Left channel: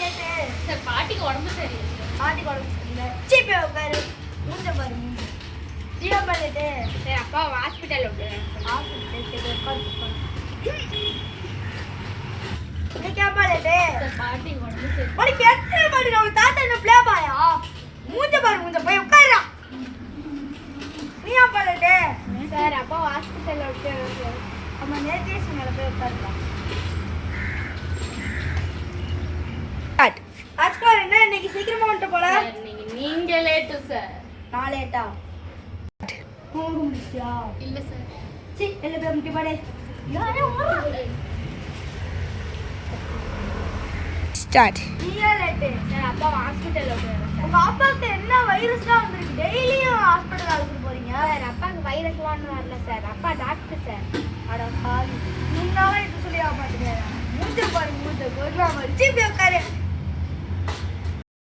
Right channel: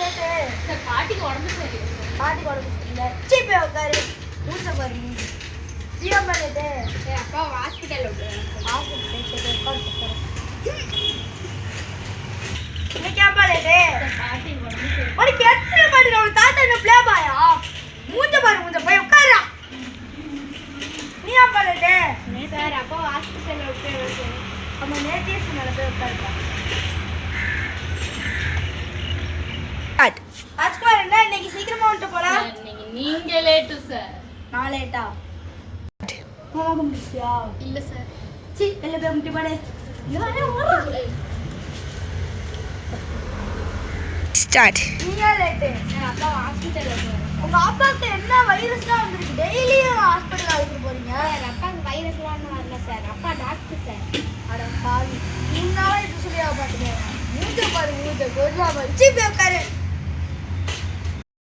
Late sir பாட்டிக்கு உடம்பு சரியில்லை சார். பாட்டிக்கு உடம்பு சரியில்லை. சீ போய் உட்காரு. மூஞ்ச பாரு மூஞ்சி. ஜீவன் லேட்டு சார் அப்பா ஹாஸ்பிட்டல் விட்டுருவேன் சார். ஹாஸ்பிட்டல் சரி உட்காரு. இன்னைக்கு ஏப்பா லேட்டு? சார் பாட்டிக்கு உடம்பு சரி. உனக்கு எத்தனை மணி நம்ம தாத்தா என்ன பிளே பாயா? மூஞ்ச பாரு மூஞ்ச போய் உட்காருடா. நீ ஏப்பா லேட்டு? சார் அப்பா ஹாஸ்பிட்டல் விட்டுருவேன் சார். அம்மா நேத்தே மேல போய் உட்காருப்பா. ராஜ்குமார் என்ன இன்னைக்கு சீக்கிரமா வந்துட்டு போல? சார் நீங்க லேட்டு சார். நான் லேட்டா? மாமா கும்பிட்டியா? இல்ல சார். சீ எல்லாம் போய் கும்பிட்டு போடு. Start. நீ ஏன் லேட்டு? சார் அப்பா ஹாஸ்பிட்டல் விட்டுருவேன் சார். உங்க அப்பாவுக்கு என்ன வைரஸ்லாம் வந்திருக்கு? டெய்லியும் ஹாஸ்பிட்டல் அழைச்சிட்டு போறீங்க. சார் அப்பாவுக்கு வைரஸ்லாம் வரல சார். அப்பா டாக்டர் சார். அட பாவி. நீங்களால இப்படி சொல்லி ஆபாத்துங்க. மூஞ்ச பாரு மூஞ்ச. கோட்லா மாதிரி. சீ போய் உட்காரு.